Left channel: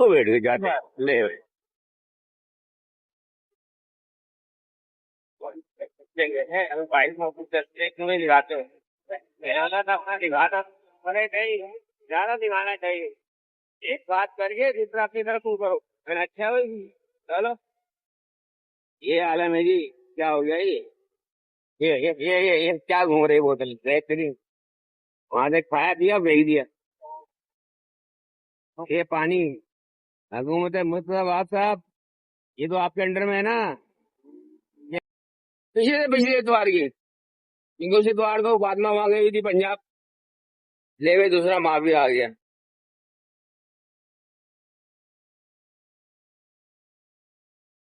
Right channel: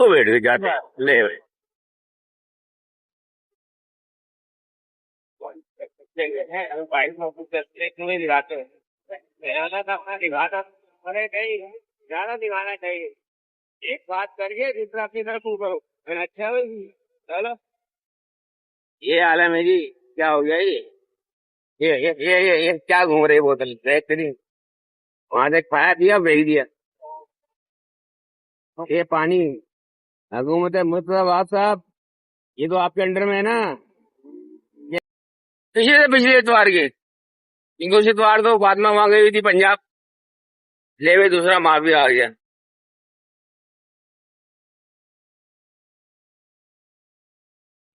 तो बैठ के जाते हैं, ले भाई दिखाते हैं। ज्यादा तो अपना दिखाता अरे नहीं, ज्यादा दिखाना चाहिए। एक बात करके दूसरा अपनी तरफ तू करो, फिर अच्छा भाई। चलो, ये आलम है जी। क्या हो गया ये क्या घूम रही बोतल बेहतरीन। वहां देख पाया दिया भेज दिया। ये पानी हुकूमत है मुर्तजाबाद साहब, ये तो आपके अंडर में है ना। ये पिछले इतवार के, इनको इस इतवार तो बाद में वहां गई हुई थी पंजाब, ले हुए दूसरा माफिया आ गया।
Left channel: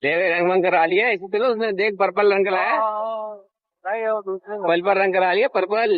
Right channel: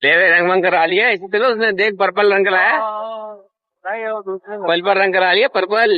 ले हुए रंग वंग करा लिया इसी तरह उसने, देख पर्पल रंग कराया, पर्पल रंग करा लिया पर्पल।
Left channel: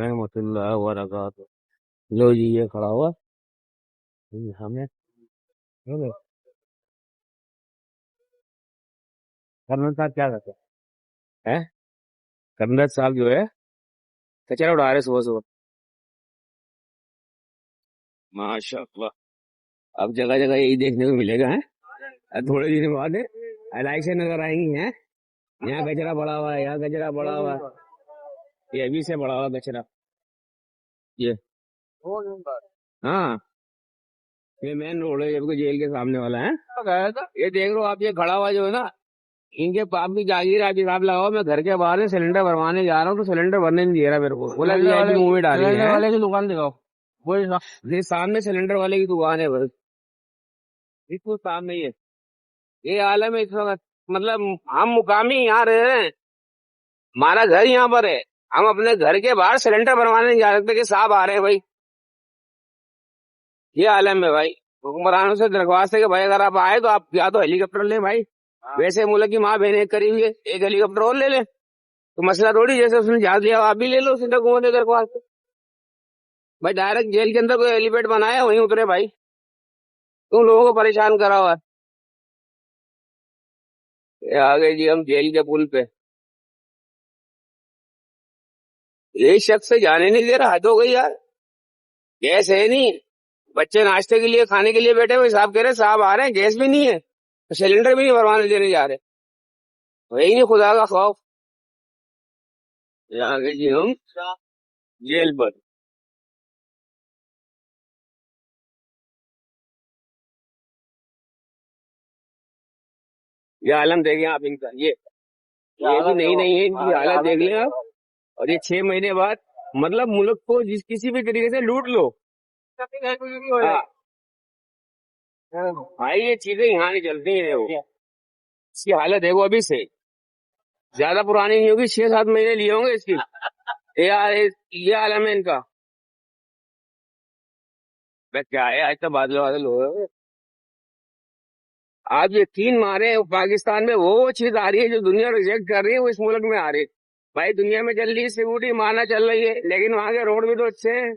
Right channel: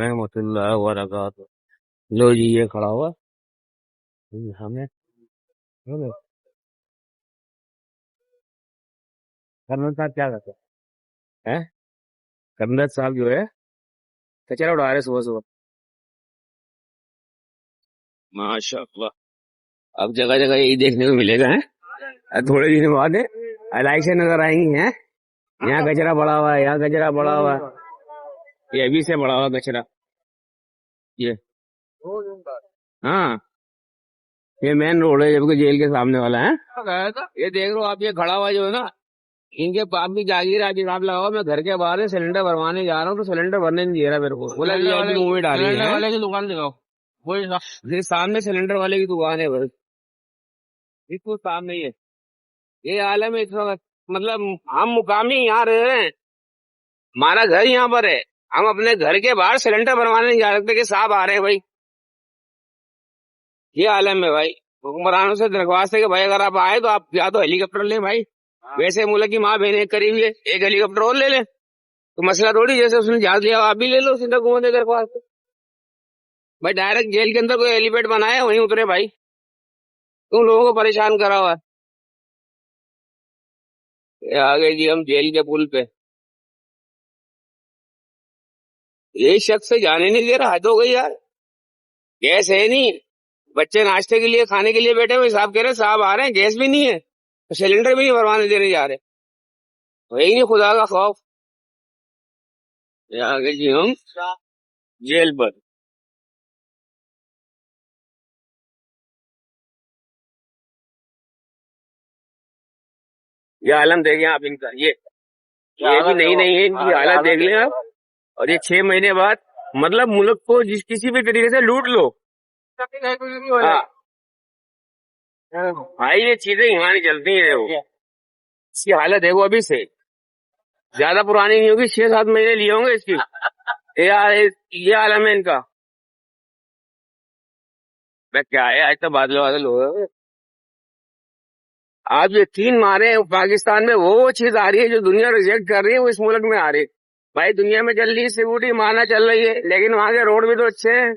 रहमतुल्लाह व बरकातहू। लो जी ये खड़ा हुआ हमें। कर्नल साहब क्या करते हैं? कर्नल साहब जो है कचरा उड़ा रहे सुबह सुबह। माशाअल्लाह, अब जगह जगह यही देखने को मिलेगा है। थोड़े दिन बाद इलेक्शन नजर आएंगी हैं, यहाँ कचरा पड़ा हुआ है, यहाँ कचरा पड़ा हुआ है, ये अभी से पड़ा हुआ कचरा ये। हाँ, ये मेन रोड है जबकि जेल के सामने वाला है। ये देख लो आप, ये खड़ा हुआ जो है ना, इनके पाप की जागीर आज हिसाब लगाओ। मैं घर के बाहर से सिलेंडर भरवाने जा रहा हूँ तो सिलेंडर भरने नहीं दे रहा मेरे को, बोला वीआईपी मूव में डाली है। वाले की दुकान दिखाओ, वही ये सामने सिलेंडर वाले की दुकान है बस, इसको सामने ही है। ये आलम है इस वक्त, मतलब हम मुकामी यहाँ रह रहे हैं, हमारा घर यहाँ पर है, हम अपने घर के बाहर सिलेंडर भरवाने नहीं जा सकते कि साहब आ रहे हैं भाई। ये आलम है भाई। हुक्मरानों से दरख्वास्त है कि भाई अगर आप आए तो आप या तो हेलीकॉप्टर लें भाई, वैसे मुल्क की माँ बहन एक करी हुई है, एक हेलीकॉप्टर और ले लें तो मसला थोड़ी, जैसे उसने जहाज लिया आप भी ले लो सीधा घूमने से दरख्वास्त। भाई डायरेक्ट जेल के अंदर कोई हेलीपैड बनाया वहीं उतरे भाई, तुम लोगों को परेशान करा हुआ है। ये आ गए जी हम जेल के पुल पे, ये शख्स से जाने नहीं दे रहा, हद हो गई यार। गैस है नहीं, बच्चे नाश्ते के लिए खाने के लिए बैठे हुए, साहब कह रहे साहब आ रहे हैं, गैस भी नहीं है तो सिलेंडर भी नहीं भरवाने देने जा रहे, वही नहीं खुदा का खौफ। ये आ गए जी हम जेल पर। ये आलम देखें आप इनका, ये भी नहीं नहीं है, इनकी हालत देख लें आप। और ये 6 महीने बाद, मतलब मुल्क को जिस किसी भी तरीके से लूट लो। हाँ भाई, ये चीजें यहाँ नहीं चलती है वो। इसकी हालत है वो अभी से ज्यादा पुरानी नहीं होगी, 6-7 महीने लिए होंगे इसकी। ये आलम है इनका। मैं क्या है, आज तो बादल बादल हो गए। आज ये 3 मारे हैं पाकिस्तान में, वो चीज आ रही है जो दुनिया रिजेक्ट कर रही है, वो इस मुल्क में आ रही है। भाई दुनिया में चल रही है सिक्योरिटी, मारना चल रही है, लेकिन वहां के रोड भी तो अच्छे हैं।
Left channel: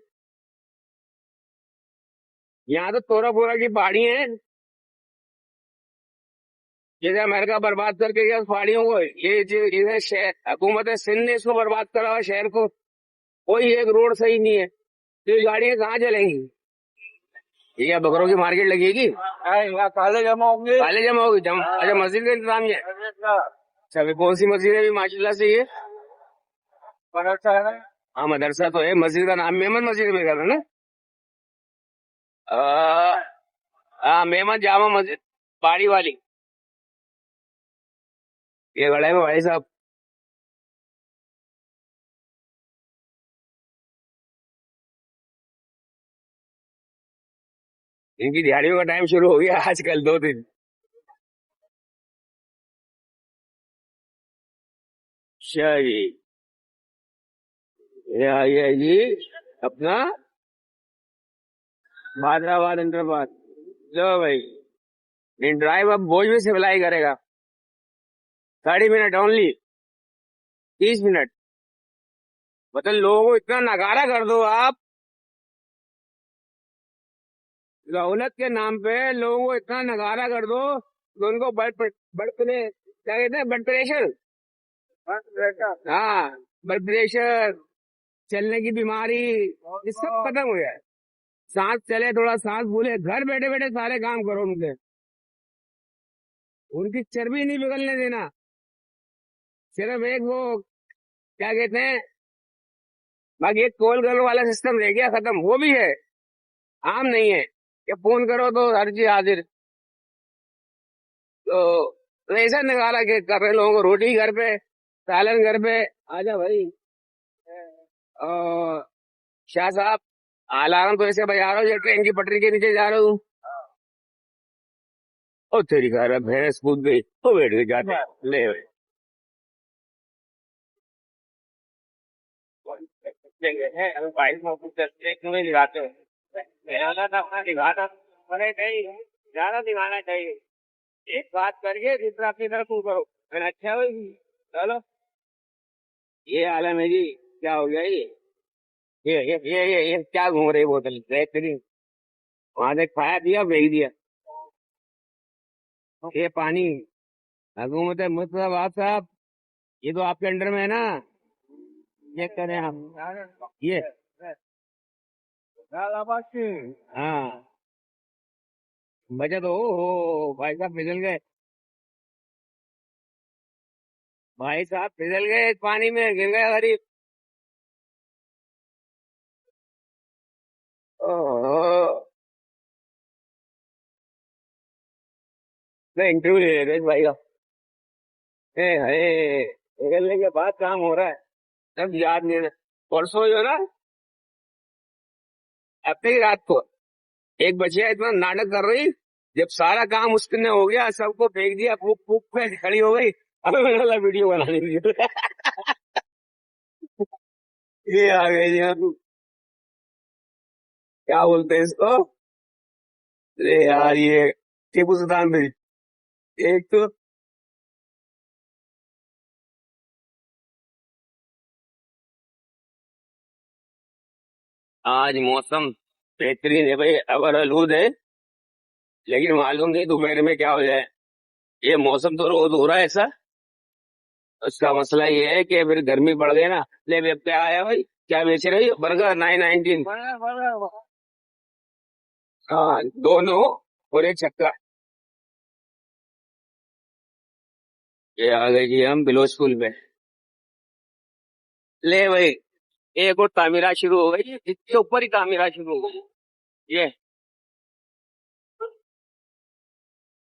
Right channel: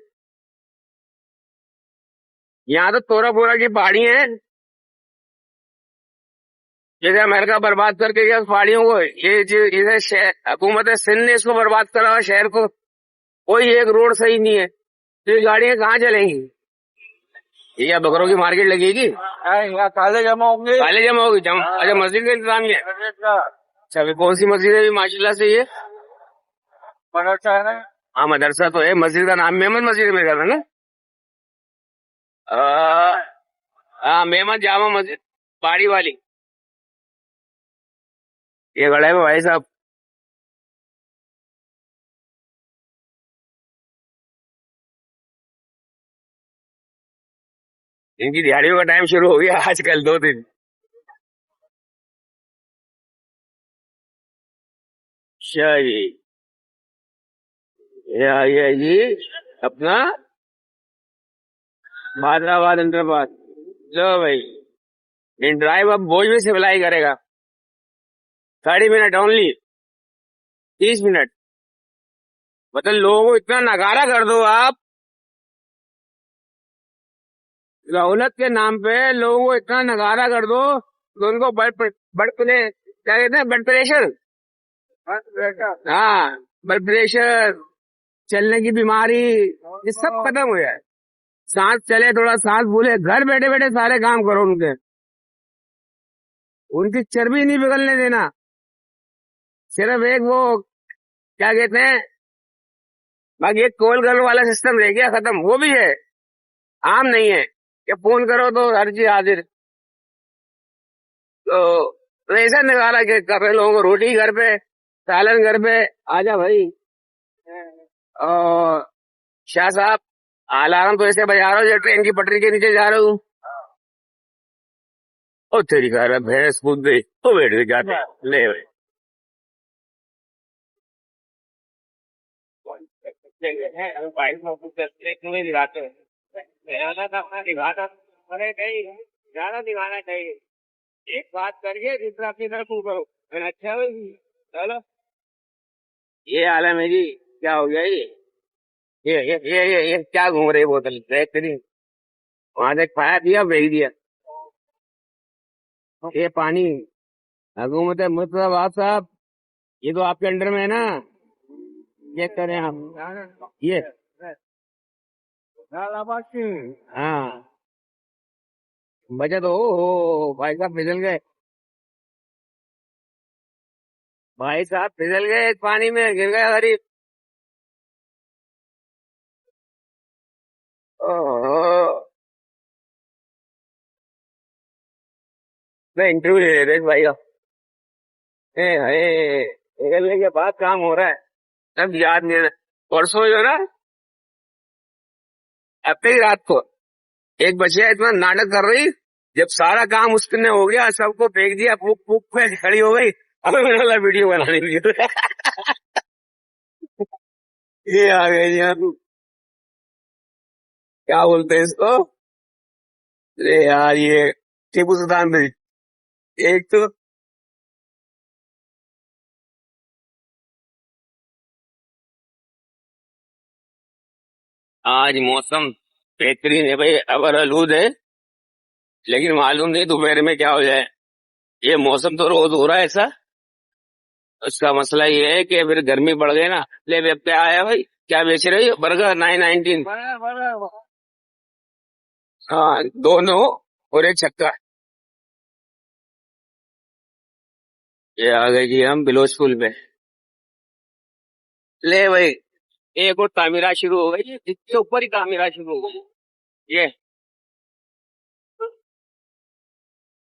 यहाँ तो तोरा फोरा की पहाड़ी है, जैसे अमेरिका बर्बाद करके गया पहाड़ियों को, इधर शहर हुकूमत सिंध ने इसको बर्बाद करा हुआ शहर को। कोई एक रोड सही नहीं है तो ये गाड़ियां कहाँ चलेंगी? ये क्या बकरों की मार्केट लगेगी? यहाँ काले जमा होंगे, काले जमा होगी अच्छा मस्जिद का इंतजाम है। अच्छा अभी कौन सी मस्जिद है अभी माशाल्लाह से? ये मदरसा है ना? हाँ मदरसा तो है, मस्जिद का नाम मेमन मस्जिद में कर ना। हाँ मेमन जामा मस्जिद पहाड़ी वाली, ये गड़ा में भाई साहब। इनकी दिहाड़ियों का टाइम शुरू हो गया आजकल 2 दिन। अच्छा जी, ये आ गया जी अपना भादराबाद इंद्रबाद। लो भाई, इन ड्राइव अब बोझ भी सिप्लाई करेगा, 30 मिनट ओनली, 30 मिनट। मतलब लोगों को इतना नगारा कर दो आप, सहूलत के नाम पे लोगों को इतना नगारा कर दो तो उनको ब्लड क्या कहते हैं, ब्लड प्रेशर, हाँ, ब्लड प्रेशर, चलने की बीमारी, ये सब खत्म हो जाए। सांस चले, थोड़ा सांस भूले, घर बैठे बैठे सारे काम करो उनके, उनकी चर्बी नहीं पिघलने देना। सिर्फ एक वो क्या कहते हैं, बाकी एक कॉल करने वाला सिस्टम रह गया, खत्म। वो भी है, आम नहीं है कि फोन करो तो हर चीज हाजिर। तो ऐसा निकाला कि कर रहे लोगों को रोटी घर पे, सालन घर पे। आजा भाई। और शाह साहब, अलार्म तो ऐसे बजा रहा हूँ जैसे ट्रेन की पटरी के नीचे जा रहा हूँ। और तेरी कह रहा भैंस कूद गई तो बैठ गई जाते ले भाई। दिखाते हैं दिखाता अरे नहीं, ज्यादा दिखाना चाहिए। एक बात करके दूसरा अपनी तरफ तू करो, फिर अच्छा होगी। चलो, ये आलम है जी। क्या हो गया ये क्या घूम रही बोतल बेहतरीन। वहां से खाया पिया भेज दिया। ये पानी हुकूमत मुर्तजाबाद साहब, ये तो आपके अंडर में है ना। ये करें आप ये। हाँ, बचत हो भाई साहब, फिसल गए। भाई साहब फिसल गए इस पानी में, गिर गए गरीब। ओहो, मैं इंटरव्यू ले रहे थे इस भाई का। ए हाय, निकलने के बाद काम हो रहा है, तब याद नहीं रहा। परसों जो है ना, हफ्ते ही रात को एक बच्चिया इतना नाटक कर रही, जब सारा काम उसने हो गया, सबको फेंक दिया, फूक फूक पे खड़ी हो गई। हमें मैंने बोला वीडियो बनाने के लिए। ये आ गई यार, क्या बोलते हैं इसको। अरे यार, ये टीपू सुल्तान भी एक तो। आज मौसम बेहतरीन है भाई, अबर आलूद है, लेकिन मालूम नहीं दोपहर में क्या हो जाए। ये मौसम तो रोज हो रहा है ऐसा। उसका मसला ये है कि फिर गर्मी बढ़ गई ना। ले अब क्या आया भाई, क्या बेच रही हो? बर्गर 919। हाँ, दोनों और एक छक्का। ये आ गए जी हम बिलोचपुर में। ले भाई, एक और तामीरा शुरू हो गई, इसके ऊपर ही तामीरा शुरू हो गई। ये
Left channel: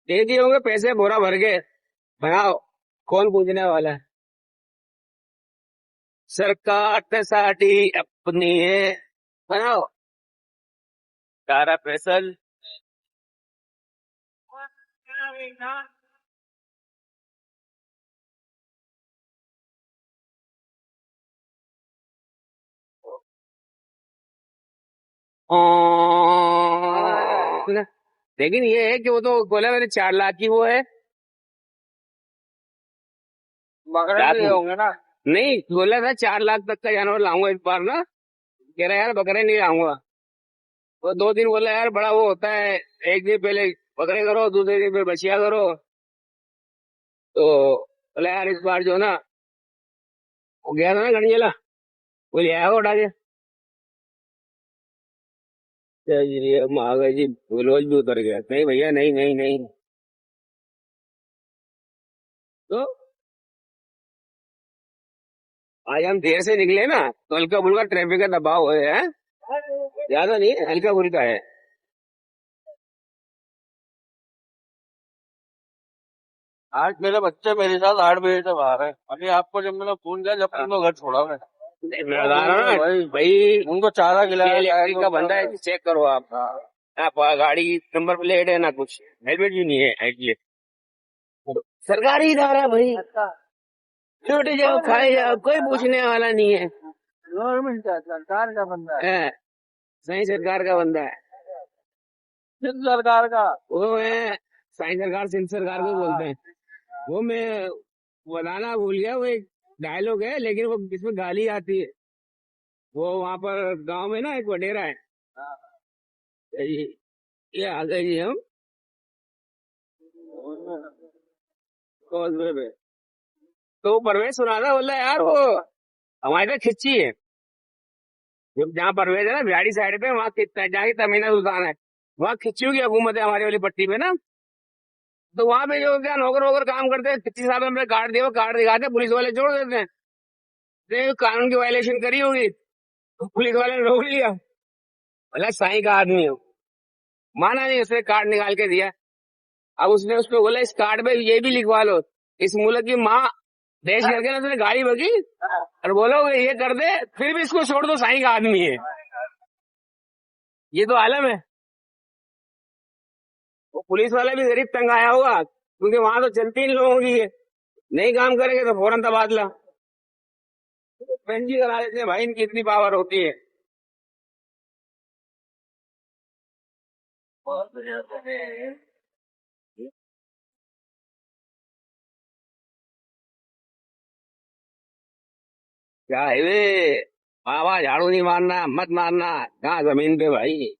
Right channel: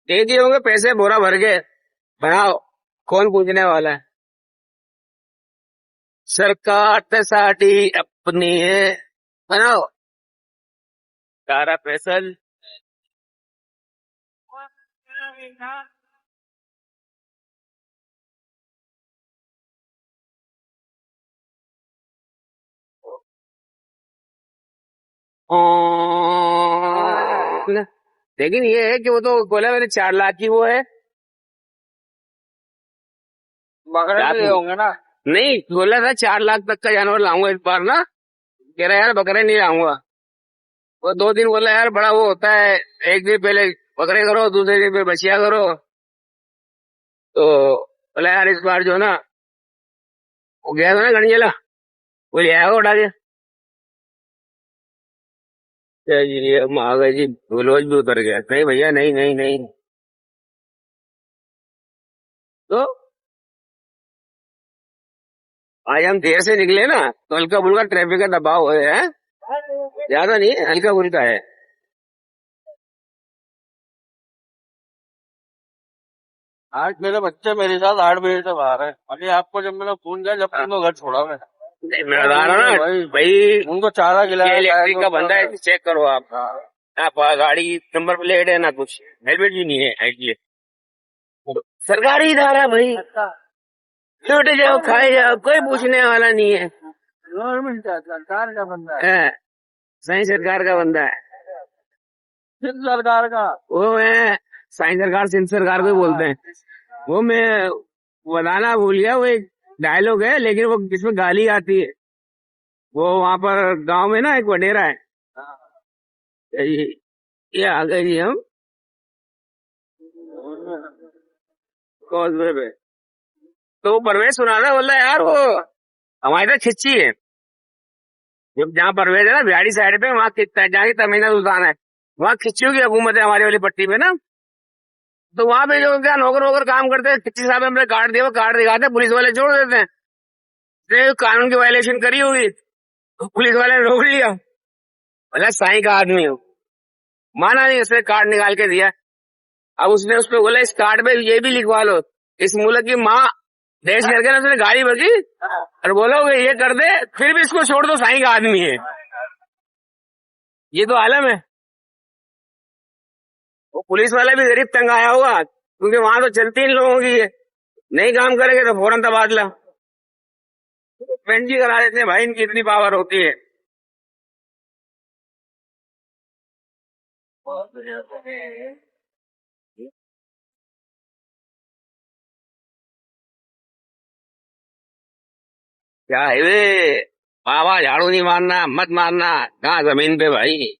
दे दिए होंगे पैसे, बोरा भर के। बनाओ, कौन पूछने वाला है। सरकार ते साडी अपनी है, बनाओ। सारा फैसल। लेकिन ये है कि वो तो बोला मैंने 4 लाख की वो है। बकरे नहीं होंगे ना। नहीं, बोला था 4 लाख तक का जानवर लाऊंगा इस बार ना। कह रहा यार बकरे नहीं लाऊंगा। वो 2 दिन बोला यार बड़ा वो होता है, एक दिन पहले बकरे करो, दूसरे दिन पे बछिया करो। तो बोला यार इस बार जो है ना, वो गया था ना गंजेला, वो ले आया उठा के। ये महागा जी, रोज भी उतर गया। नहीं भैया, नहीं नहीं नहीं। तो आज हम देर से निकले ना, तो हल्का फुल्का ट्रैफिक का दबाव है। ज्यादा नहीं, हल्का फुल्का है। आज मेरे बच्चे मेरे साथ 8 बजे तक आ रहे हैं। अभी आपको जब मैंने फोन किया, जब तुमने घर छोड़ा मैं नहीं, मैं बता रहा हूँ ना भाई, उनको चारा ये खिलाया। इलेक्ट्रिक का बंदा है, चेक करो आप। आप गाड़ी नंबर प्लेट है ना कुछ, हेलमेट भी नहीं है ये। सरकारी इदारा भाई, लूट जाओ खाए जाओ, कोई पूछने वाला नहीं है। गवर्नमेंट का सरकार का बंदा है। हाँ, सही सरकार का बंदा है किस सरकार का? वो। मैं साई सरकार सिंध सरकार को ही बोलते हैं। वो मैं बताना भूल गया, वो एक डायलॉग है, लेकिन वो जिसमें गाली आती है। वो वहां पर गांव में ना एक वडेरा है। ये, ये आ गए जी हम कॉजवे पे। तो वो परवेज सुना रहा, बोल रहा है यार वो हमारी तरह खिंची है। जब जहाँ परवेज है ना बिहाड़ी साइड पे, वहाँ खिंचता है, जहाँ की तमीना सुल्तान है, वहाँ खिंचियों की हुकूमत है हमारी वाली पट्टी पे ना। तो वहां पे जो क्या नौकर वोकर काम करते हैं, खिच्ची साहब हमने कार्ड दिया, वो कार्ड दिखाते हैं, पुलिस वाले छोड़ देते हैं। तो कानून की वायलेशन करी होगी, पुलिस वाले ने रोक लिया। बोला साईं का आदमी हो, माना नहीं, उसने कार्ड निकाल के दिया। अब उसने उस पर बोला इस कार्ड पे ये भी लिखवा लो, इस मुल्क की माँ देश करके ना, उसने गाली बकी और बोलोगे ये कर दे, फिर भी इसको छोड़ दो, साईं का आदमी है। ये तो आलम है। वो पुलिस वाला भी गरीब तंग आया होगा, क्योंकि वहां तो चलती इन लोगों की है, नहीं काम करेंगे तो फौरन तबादला। पेंजी करा देते हैं भाई, इनकी इतनी पावर होती है। क्या है वे, बाबा झाड़ू नहीं मारना, मत मारना, कहाँ जमीन पे भाई।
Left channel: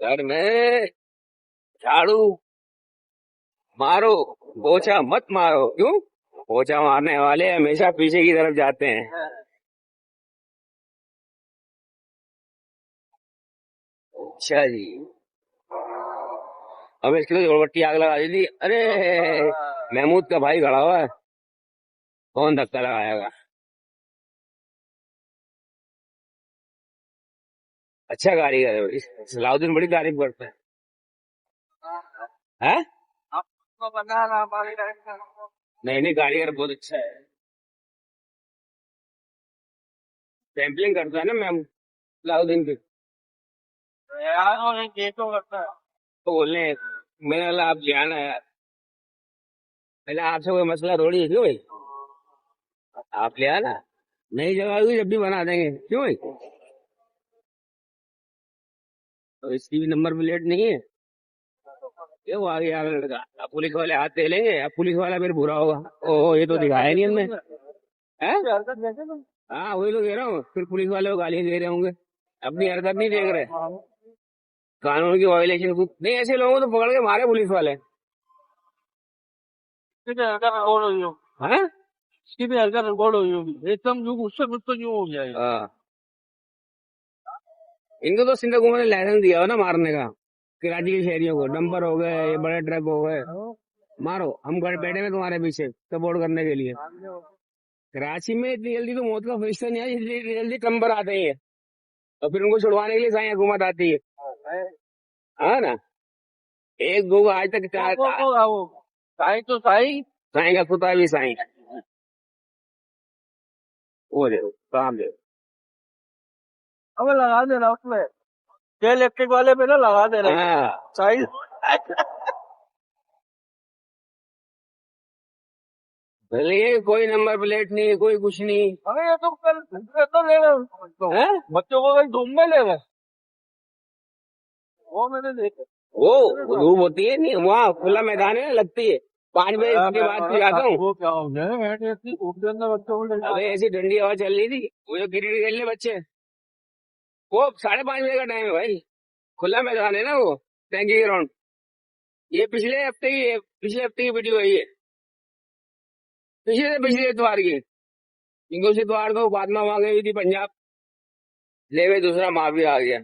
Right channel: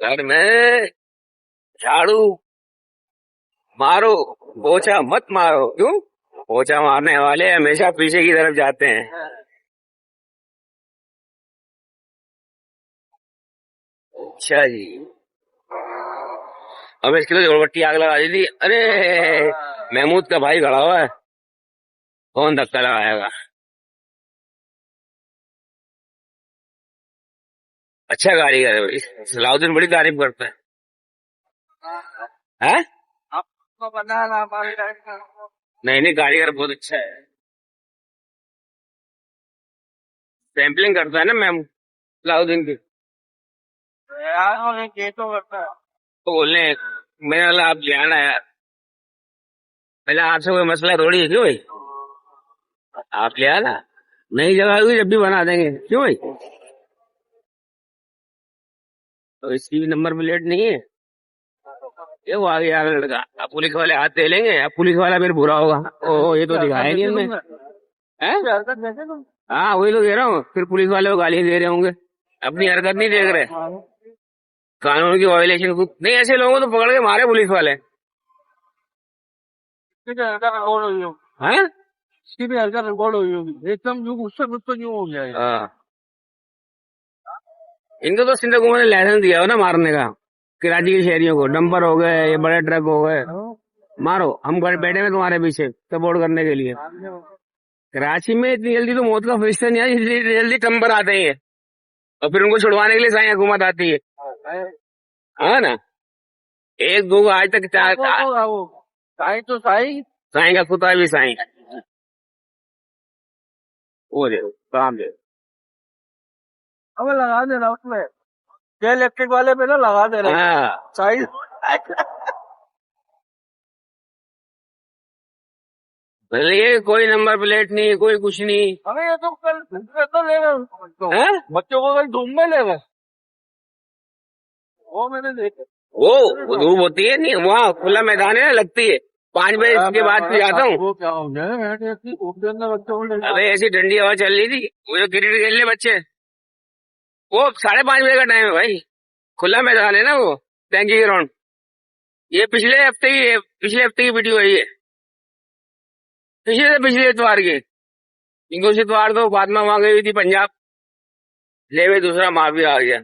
घर में झाड़ू मारो, पोछा मत मारो। क्यों? पोछा मारने वाले हमेशा पीछे की तरफ जाते हैं। अच्छा जी। अब इसकी तो जोड़पट्टी आग लगा दी थी। अरे महमूद का भाई खड़ा हुआ है, कौन धक्का लगाएगा। अच्छा कारीगर है भाई, सलाउद्दीन बड़ी तारीफ करता है। आपको पता ना हमारे टाइम का। नहीं नहीं, कारीगर बहुत अच्छा है, सैम्पलिंग करता है ना मैम सलाउद्दीन की। यार और एक ये तो करता है। तो बोलने मैंने बोला आप ले आना यार, पहले आपसे कोई मसला थोड़ी है। क्यों भाई? आप ले आना, नई जगह हुई जब भी बना देंगे। क्यों भाई? तो इसकी भी नंबर प्लेट नहीं है, ये वो आ गया यार लड़का। अब पुलिस वाले हाथ दे लेंगे, अब पुलिस वाला फिर बुरा होगा, ओह ये तो दिखाया नहीं हमने। है? हाँ वही तो कह रहा हूँ, फिर पुलिस वाले को गाली दे रहे होंगे, अपनी हरकत नहीं देख रहे, कानून की वायलेशन नहीं। ऐसे लोगों को तो पकड़ के मारे पुलिस वाले। इसकी भी हल्का रिकॉर्ड हुई होगी। हैं? इसकी भी हल्का रिकॉर्ड हुई होगी, एकदम जो उससे मुझ तो यूं हो गया है। हाँ। इनको तो सिंध हुकूमत ने लाइसेंस दिया हो ना मारने का, कराची के शहरियों को, डंपर हो गए, ये बड़े ट्रक हो गए, मारो, हम घर बैठे में तुम्हारे पीछे सपोर्ट करने के लिए। कराची में इतनी जल्दी तो मौत का फरिश्ता नहीं आया, इतनी जल्दी टंबर आते हैं, और फिर उनको छुड़वाने के लिए साई हुकूमत आती है। हाँ ना, एक दो को आज तक वो साई तो साई। साई का कुत्ता भी साई। वो देखो काम देखो। अब लगा देना उसमें, ये इलेक्ट्रिक वाले पे ना लगा दे रहे हाँ साई। भले ये कोई नंबर प्लेट नहीं, कोई कुछ नहीं अरे ये तो कल तो ले गए है। बच्चों को, कल धूम में ले गए, वो मैंने देखा। वो धूप होती है नहीं, वहाँ खुला मैदान है ना, लगती है 5 बजे के बाद फिर जाता हूँ। वो क्या हो गया धूप के अंदर बच्चों को ले गए। अबे ऐसी ठंडी हवा चल रही थी, वो जो क्रिकेट खेल रहे बच्चे, वो 5:30 बजे का टाइम है भाई, खुला मैदान है ना वो, टैंकी ग्राउंड। ये पिछले हफ्ते की वीडियो है ये, पिछले से पिछले इतवार की। इनको उस इतवार को फातिमा वहां गई हुई थी पंजाब, ले गए दूसरा माफिया आ गया।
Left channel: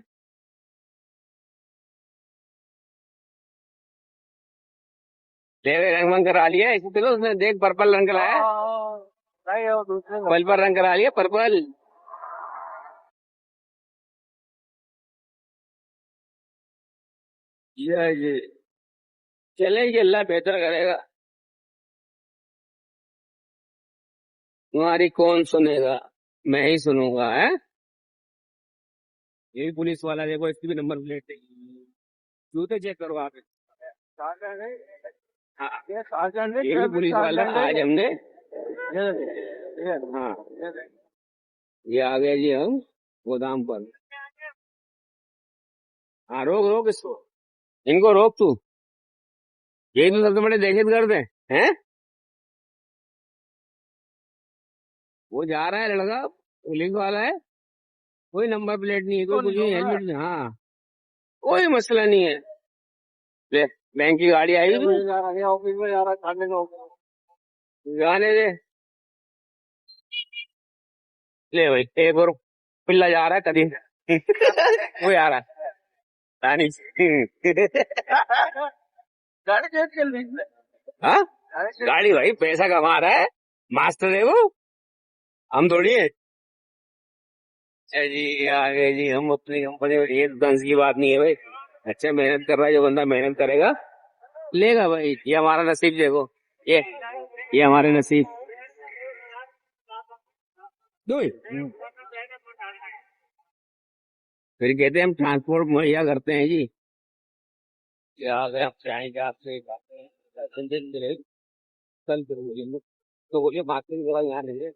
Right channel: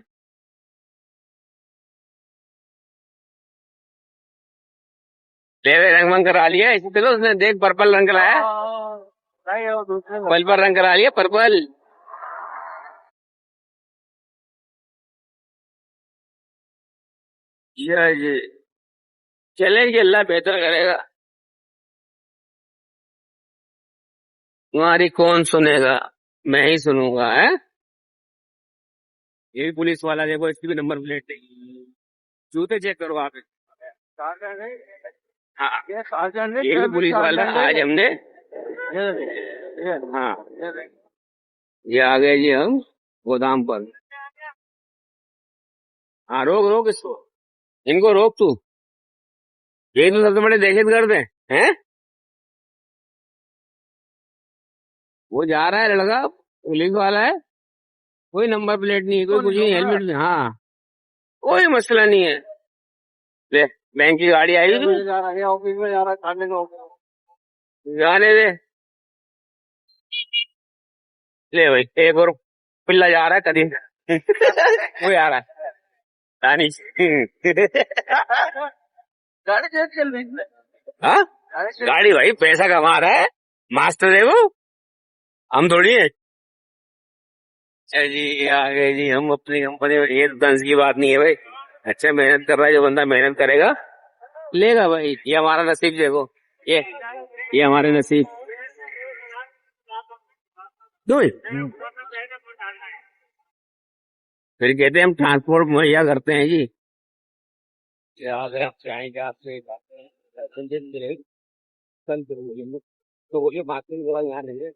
ले गए रंग वंग करा लिया, इसी तरह उसने देख पर्पल रंग कराया, नहीं वो दूसरे पर्पल रंग करा लिया, पर्पल। ये चलेंगे, अल्लाह बेहतर करेगा, तुम्हारी कौन सुनेगा, मैं ही सुनूंगा। है ये भी पुलिस वाला, देखो इसकी भी नंबर प्लेट नहीं, जूते चेक करो आप। हाँ ये भी पुलिस वाला, आज हमने, हाँ ये आ गए जी हम गोदाम पर। हाँ रोक रोक इसको, इनको रोक तू, ये तो सबसे बड़े दहशतगर्द हैं। वो जा रहा है लड़का, पुलिस वाला है, कोई नंबर प्लेट नहीं, कोई कुछ नहीं, हेलमेट नहीं, हाँ कोई मसला नहीं है। ले बैंक की गाड़ी आई थी, जा रहा है ऑफिस में, जा रहा है खाने को। जाने दे। ले भाई एक और पिल्ला जा रहा है कदी वो आ रहा है दानिश गाड़ी कैसे चल रही है? हाँ गाड़ी कैसे- गाड़ी भाई पैसा कमा रहा है, मास्टर है वो, हम थोड़ी है। अच्छा जी आ गए जी हम अपनी कंपनी में, ये दंस की बात नहीं है भाई। अच्छा मेहनत कर रहा है जो बंदा, मेहनत करेगा लेगा भाई, ये हमारा नसीब देखो, ये हमारे नसीब। दो फिर कहते हैं हम ट्रांसपोर्ट मुहैया करते हैं जी। क्या अगर हम चाहेंगे आपसे एक बात है, कल करोगे तो बोलिए बात नहीं, यहाँ नहीं है।